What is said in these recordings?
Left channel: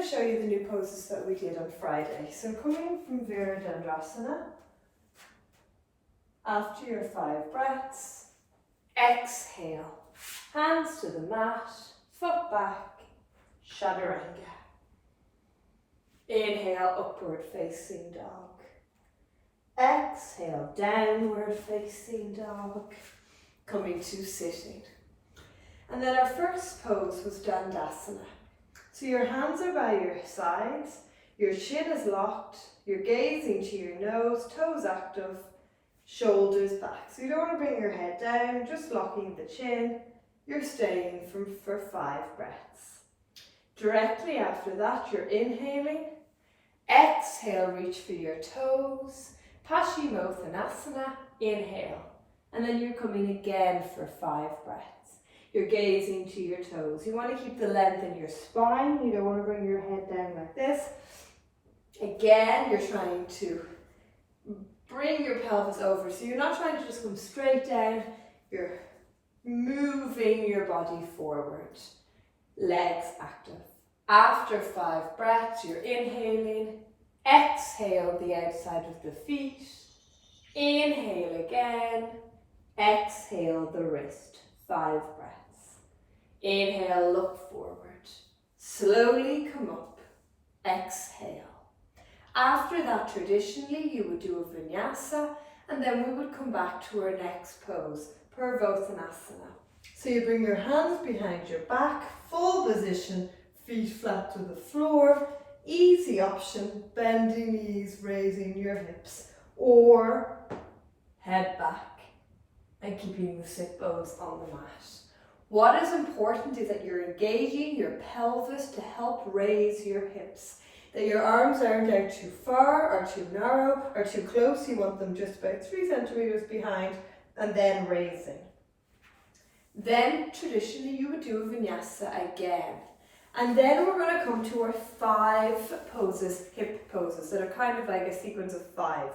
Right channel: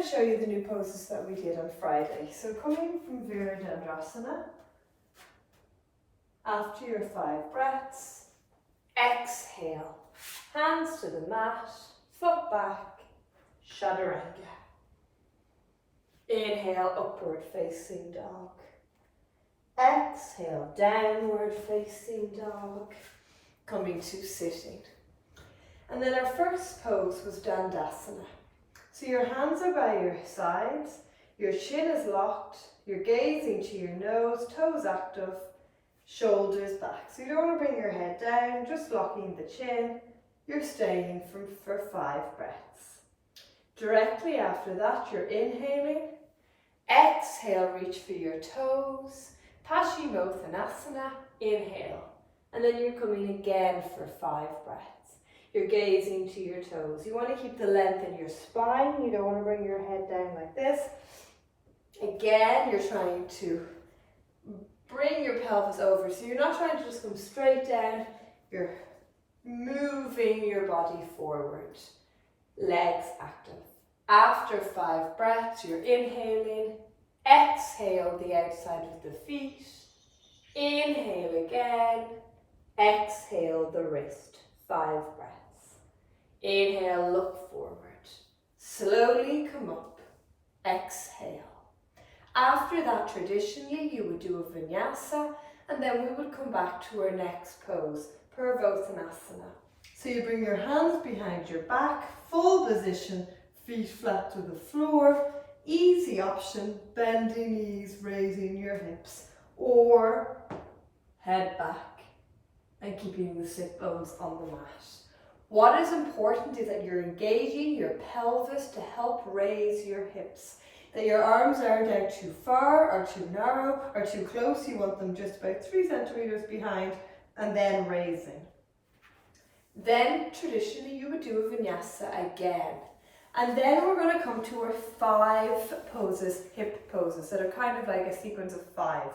going to show you the new poses that we did on Friday. So coming from Virabhadrasana, after your 5 breaths, exhale, hands to the mat, foot back, chaturanga. Inhale, upward facing dog. Exhale, downward facing dog. Coming to sitting. And then our first pose was Dandasana. So your hands are by your sides, your chin is locked, you're gazing to your nose, toes active, shoulders back. So you don't want to bring your head down, just locking the chin. You're staying for 5 breaths. Directly after that, you're inhaling. Exhale, reach for your toes. Paschimottanasana, inhale. And then you're coming again for 5 breaths. You're gazing to your toes. You want to keep the length in your spine. You don't want to bring your head down like this. Again, you're trying to bring your pelvis over. So you're not trying to just come straight down. You're moving your body forward. Legs active. After 5 breaths, you're inhaling. Exhale the outside of the feet. Inhale again. Exhale the wrist. 5 breaths. Inhale, look forward. Slowly come up. Exhale. After that, traditionally, you would do a vinyasa, and then we would come back to our next pose, Purvottanasana. So you bring your hands behind your back, full position, feet flat to the floor. Easy option, bending knees, raising your hips, or head back and keeping the sit bones on the mat. What is important is that you're engaging your pelvis to help raise your hips. That your arms aren't out too far or too narrow or too close. You want them just about 3 centimeters behind and then raising. Then traditionally you would do a vinyasa again. And then we're going to come to our 5 poses, hip poses, that are kind of like a sequence of 5.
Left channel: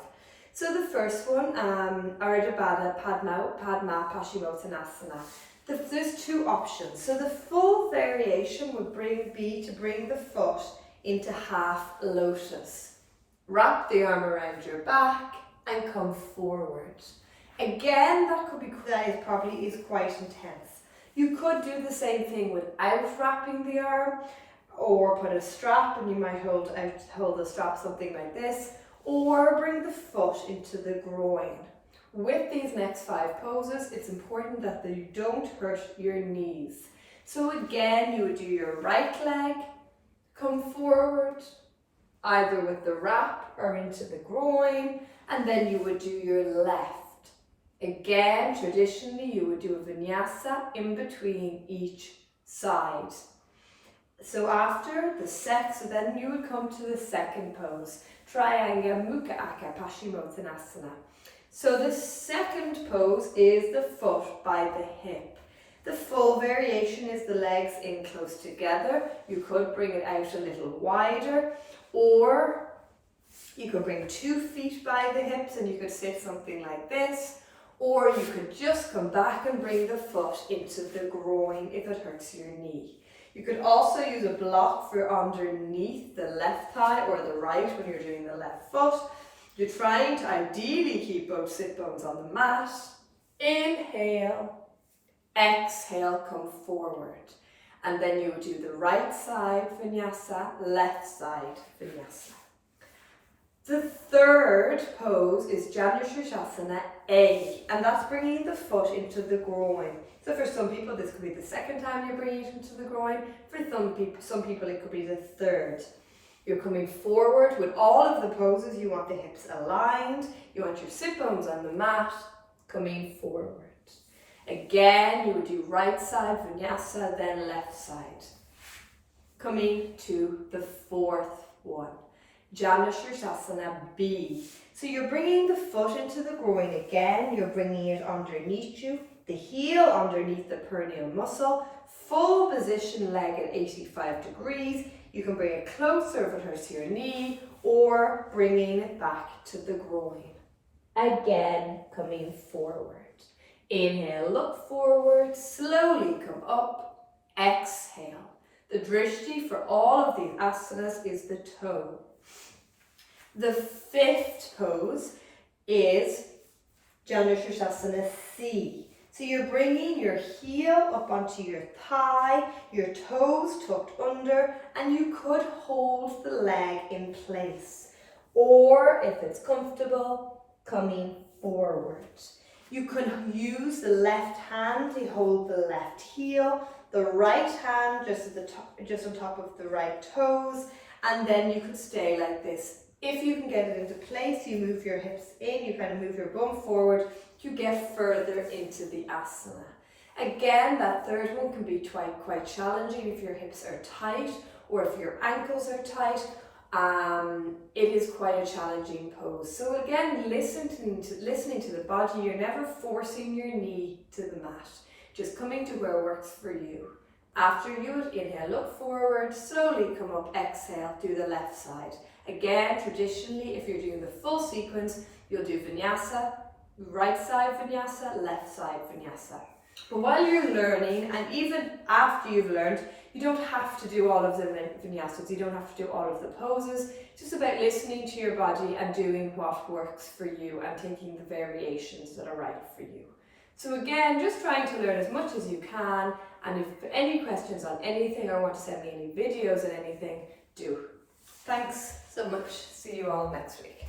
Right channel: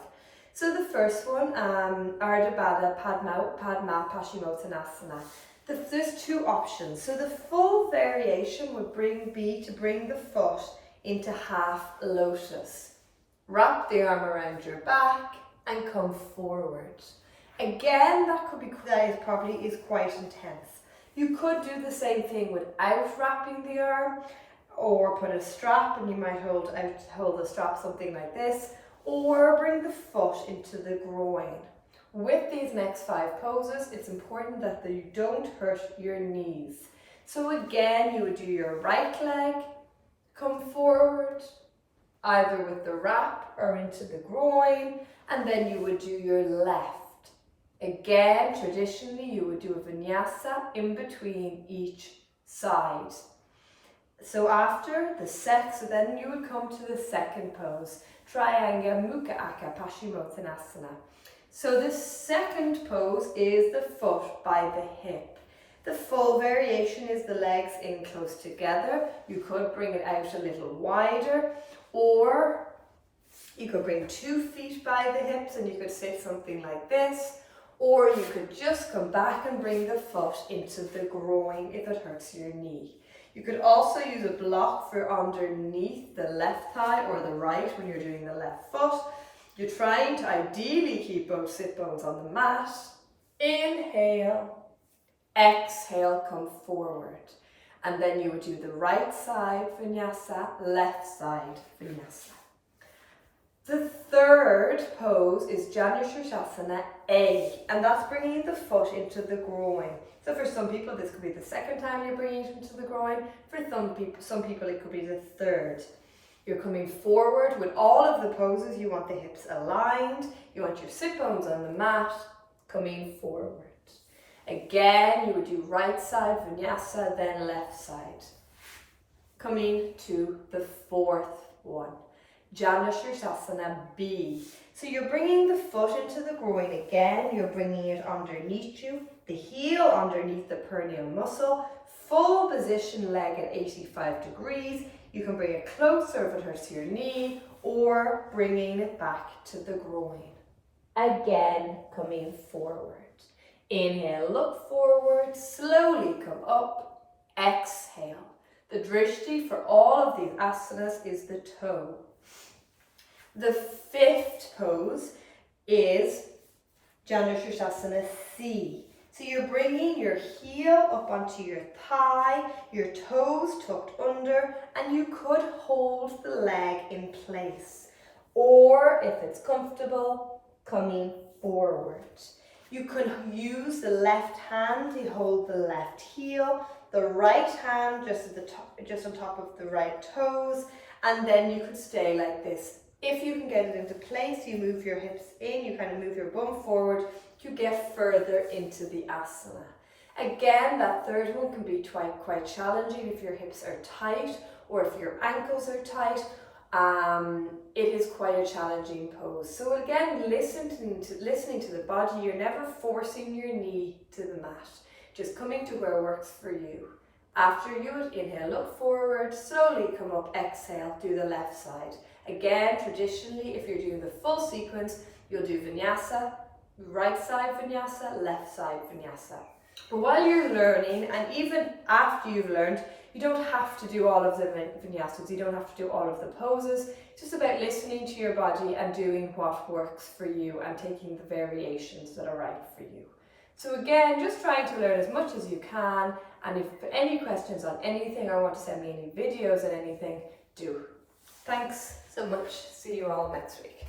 So the first one, Ardha Baddha Padma Paschimottanasana. There's 2 options. So the full variation would be to bring the foot into half lotus. Wrap the arm around your back and come forward. Again, that probably is quite intense. You could do the same thing without wrapping the arm, or put a strap and you might hold the strap something like this, or bring the foot into the groin. With these next 5 poses, it's important that you don't hurt your knees. So again, you would do your right leg, come forward, either with the wrap or into the groin, and then you would do your left. Again, traditionally, you would do a vinyasa in between each side. So after so then you would come to the second pose, Trianga Mukha Akka Paschimottanasana. So the second pose is the foot by the hip. The full variation is the legs in close together. You could bring it out a little wider, or you could bring 2 feet by the hips and you could sit something like this, or you could just come back and bring the foot into the groin if it hurts your knee. You could also use a block for underneath the left thigh or the right when you're doing the left foot. You're trying to ideally keep both sit bones on the mat. Inhale, exhale, come forward. And then you would do the right side vinyasa, left side vinyasa. The third pose is Janushirshasana egg, and that's bringing the foot into the groin. So for some people, this could be the second time you're bringing it into the groin. For some people, it could be the third. You're coming forward with all of the poses. You want the hips aligned. You want your sit bones on the mat, coming forward. Again, you would do right side vinyasa, then left side. Coming to the 4th one, Janushirshasana B. So you're bringing the foot into the groin again. You're bringing it underneath you, the heel underneath the perineal muscle, full position leg at 85 degrees. You can bring it closer if it hurts your knee, or bringing it back to the groin. Again, coming forward. Inhale, look forward, slowly come up. Exhale. The The drishti for all of these asanas is the toe. The fifth pose is Janushirasana C. So you're bringing your heel up onto your thigh, your toes tucked under, and you could hold the leg in place. Or if it's comfortable, coming forward. You can use the left hand to hold the left heel, the right hand just at the top, just on top of the right toes, and then you could stay like this. If you can get it into place, you move your hips in, you kind of move your bum forward, you get further into the asana. Again, that third one can be quite challenging if your hips are tight or if your ankles are tight. It is quite a challenging pose. So again, listening to the body, you're never forcing your knee to the mat, just coming to where works for you. After you inhale, look forward, slowly come up, exhale, do the left side. Again, traditionally, if you're doing the full sequence, you'll do vinyasa, right side vinyasa, left side vinyasa. But while you're learning, and even after you've learned, you don't have to do all of the vinyasas, you don't have to do all of the poses. It's just about listening to your body and doing what works for you and taking the variations that are right for you. So again, just trying to learn as much as you can, and if any questions on anything or want to send me any videos on anything, do. Thanks so much. See you all next week.